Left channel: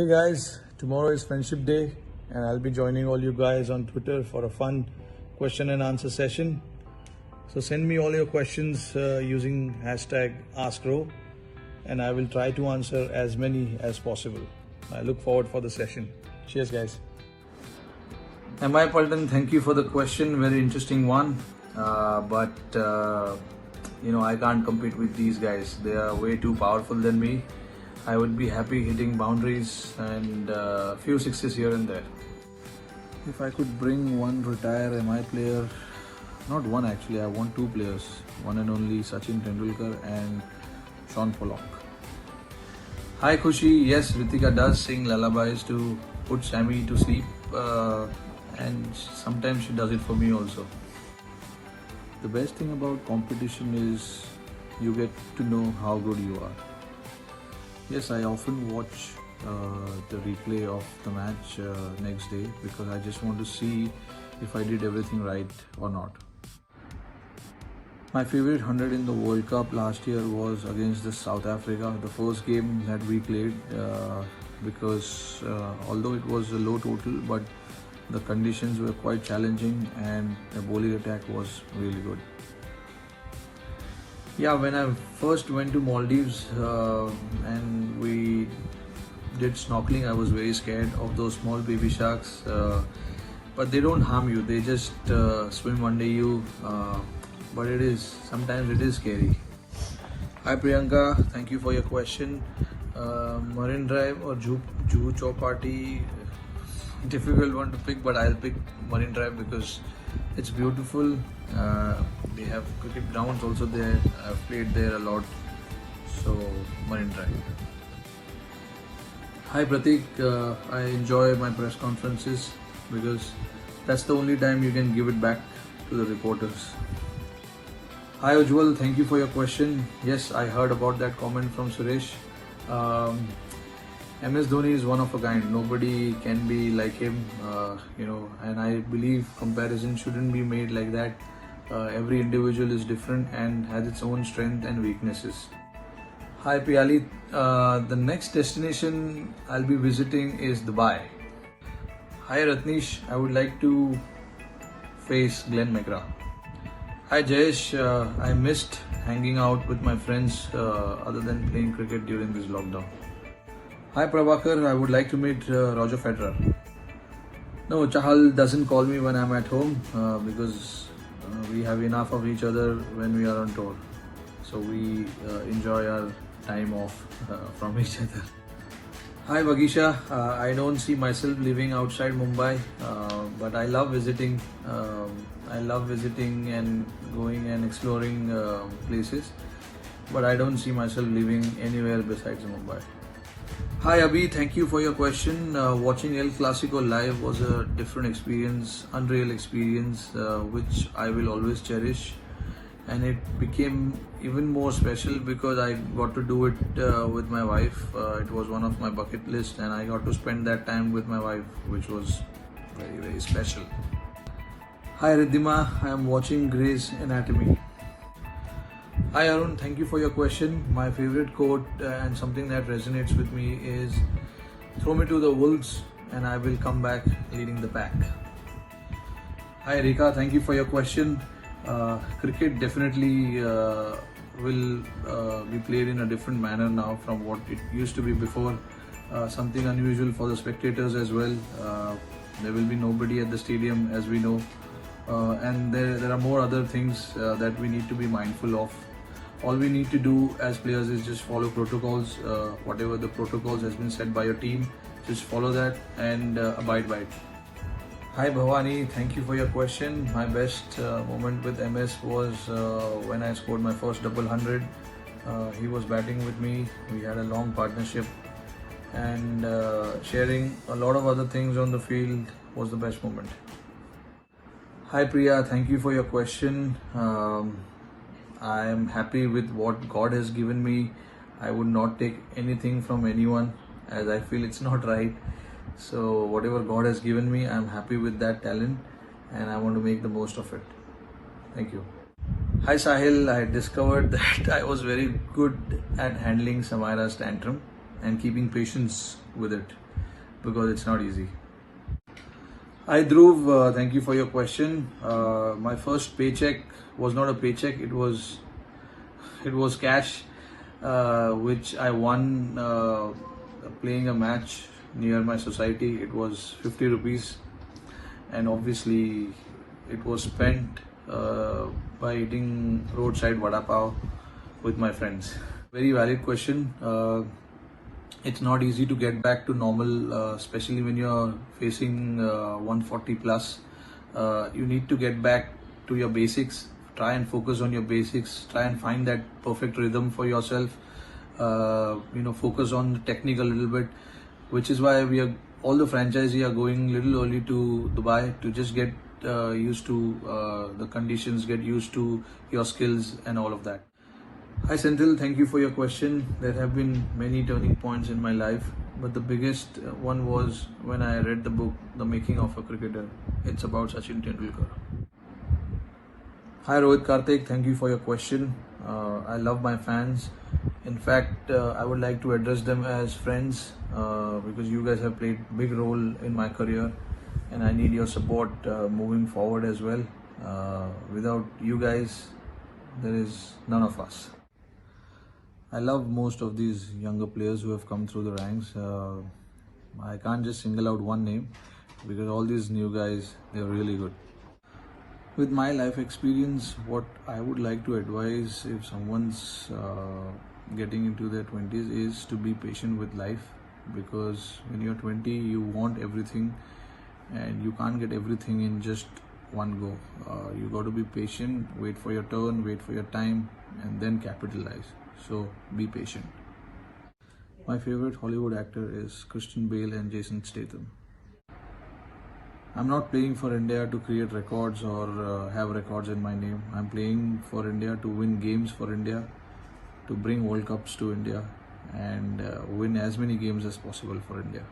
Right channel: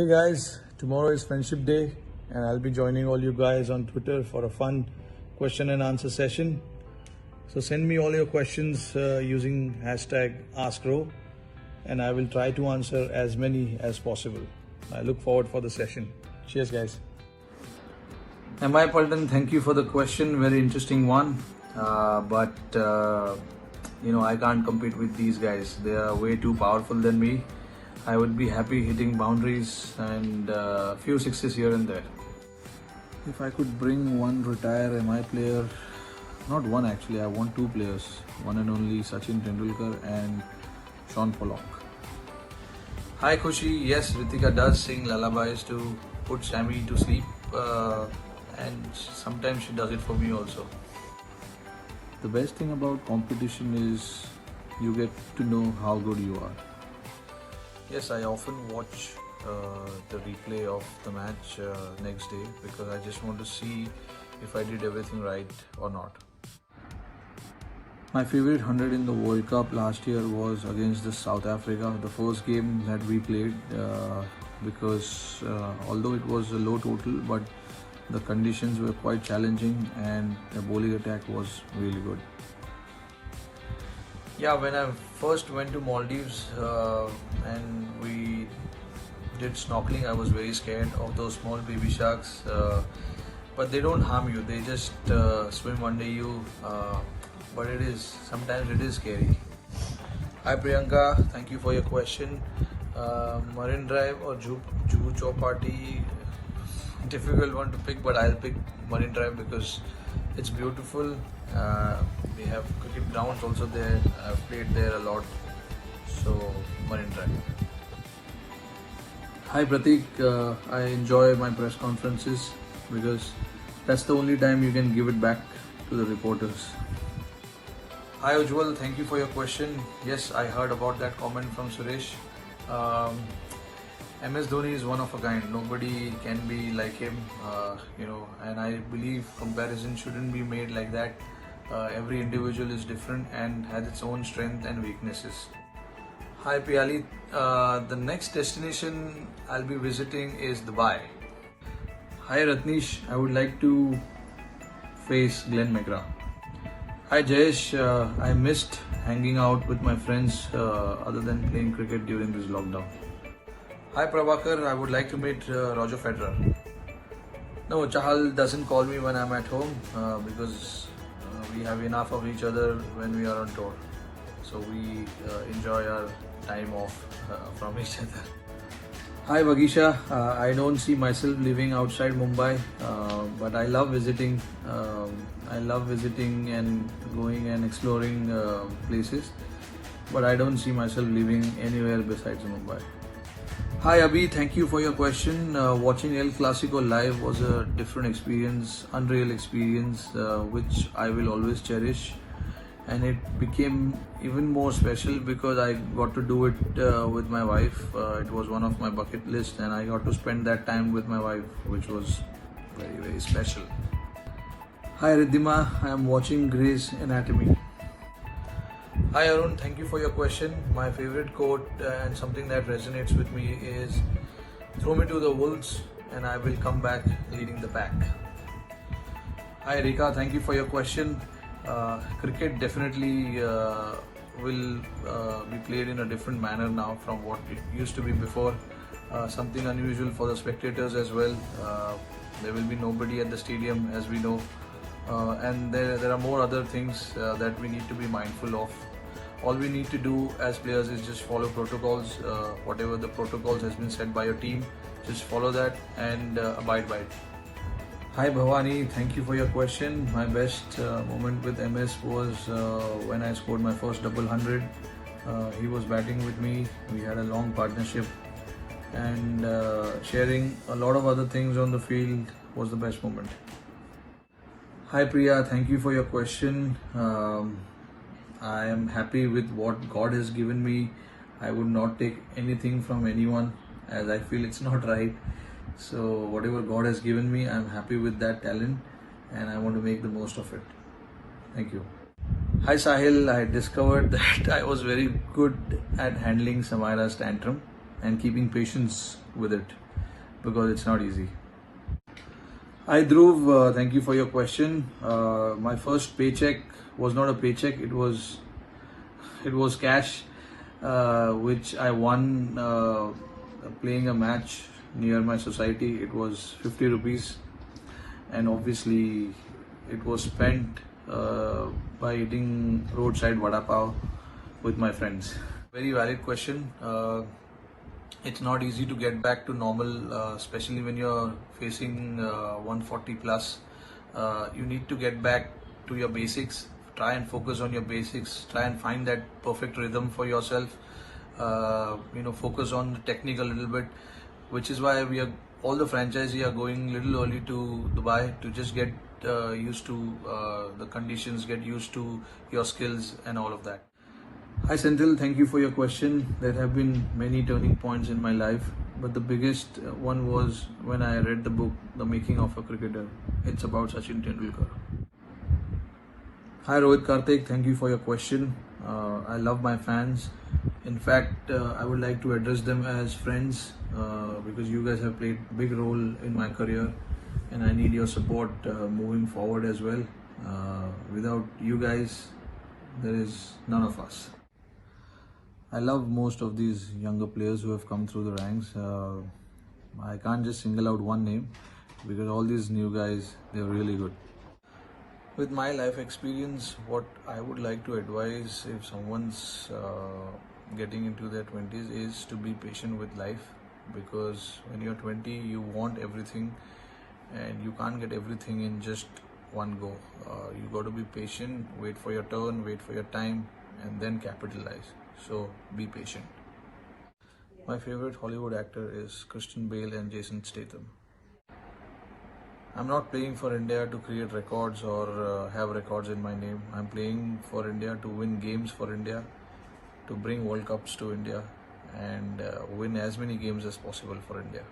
Hey guys, tomorrow is Friendship Day and I'll be joining all you guys on Twitter for a fun question and answer session. So send me all your questions using hashtag AskRo and I will try to answer as many as possible. I look forward for the session. Cheers guys. M.I. Paltan, thank you for the question. Very interesting one. But I can't compete with these guys. They are way too powerful than me. I would be happy hitting boundaries and a few sixes here and there. If I could bring one retired MI player, not one actually, I want two players. One and only Sachin Tendulkar and Sean Pollock. Hi Khushi, yes, Ritika does sing lullabies to put Sammy to sleep and sometimes she does it for me also. The best thing about competition is you get to know how good you are. Yes, I often watch the replay of the match next day because I just want to see if I did everything right or not. My favorite 100 in the World Cup last year was against the South Africa, the first game that we played because although it was a low total, but the conditions were quite challenging and the bowling attack was really good. Yeah, when I first went to Maldives and we did snorkeling, I was very scared of those small baby sharks. But they don't harm you, they just swim under you. But sometimes it is scary. Hi Priyanka, thank you for your question. Marine Drive or Juhu Chowpatty, difficult one to pick, but I'll pick Marine Drive because it's beautiful. They have cricket grounds also there. I've played there a lot, so Marine Drive. Hi Pratik, I enjoy my press conferences because that's the only time you can give it back to the reporters. Hi Ujjwal, thank you for your question. Yes, I heard about that comment from Suresh. MS Dhoni is one of a kind. Nobody can be like him, and I believe comparison shouldn't be made like that. Every individual is different and has its own strength and weaknesses. Hi Piyali, the next destination I'll be visiting is Dubai. Hi Ratnish, I would like to face Glenn McGrath. Hi Jayesh, I missed hanging out with my friends other than playing cricket during this lockdown. Hi Prabhakar, I would like to meet Roger Federer. No, Chahal doesn't call me when I'm at home because we have enough of each other when we are on tour. So we enjoy our time off from each other. Hi Vagisha, I don't see myself living outside Mumbai, but I love visiting. I love visiting and going and exploring places, but I don't see myself living anywhere besides Mumbai. Hi Abhi, thank you for your question. Watching El Clasico live was a different experience, unreal experience, which I will always cherish. And it became even more special because I got to do it with my wife. It was one of my bucket list and I got to spend that time with my wife, which was very, very special. Hi Riddhima, I am watching Grey's Anatomy. Hi Arun, thank you for your question. My favorite quote and something that resonates with me is, "Throw me to the wolves and I will come back leading the pack." Hi Rika, thank you for your question. Cricket definitely will be played in a different manner now from what it used to be before. Something unusual for the spectators as well. There will be nobody at the stadium, as we know. And there are more other things that we need to be mindful of. All we need to do as players is just follow protocols. Whatever the protocols has been set by your team, just follow that and abide by it. Hi Bhavani, thank you for your question. My best moment with MS was when I scored my first double 100. He was batting with me. We had a long partnership and sharing a lot of other things on the field was the best moment. Hi Priya, thank you for your question. I am happy with what God has given me. I would not take anything from anyone as I feel it's not right. So whatever God has given me, I'm happy with that talent and I want to make the most of it. Thank you. Hi Sahil, I discovered that I was very good at handling Samaira's tantrum and keeping patience with it. because it's not easy. Hi Dhruv, thank you for your question. My first paycheck was not a paycheck; it was cash, which I won playing a match near my society. It was 50 rupees, and obviously, it was spent by eating roadside vada pav with my friends. Very valid question. It's not easy to get back to normal, especially when you're facing 140 plus. You need to get back to your basics. Try and focus on your basics. Try and find that perfect rhythm for yourself. Focus on the technique a little bit, which is why all the franchisee are going little early to Dubai to just get used to the conditions, get used to your skills and all of that. Hi Senthil, thank you for your question. There have been many turning points in my life, but the biggest one was when I read the book The Making of a Cricketer. It's about Sachin Tendulkar. Hi Rohit Karthik, thank you for your question. I love my fans. In fact, I would like to address them as friends because you guys have played big role in my career, and I need your support moving forward as well. Without you guys, there is none of us. I love most of these younger players who have come through the ranks. I can't just single out one name because all these new guys, they're really good. With my life experience, what I would like to advise if someone's getting into their 20s is to be patient with life, because when you're 20, you want everything and you can't get everything in just one go. You got to be patient, wait for your turn, wait for your time, and then capitalize. So be patient. My favorite Hollywood actor is Christian Bale and Jason Statham. I'm not playing for India to create records or have records in my name. I'm playing for India to win games for India, to bring World Cups to India, and win as many games as possible for India.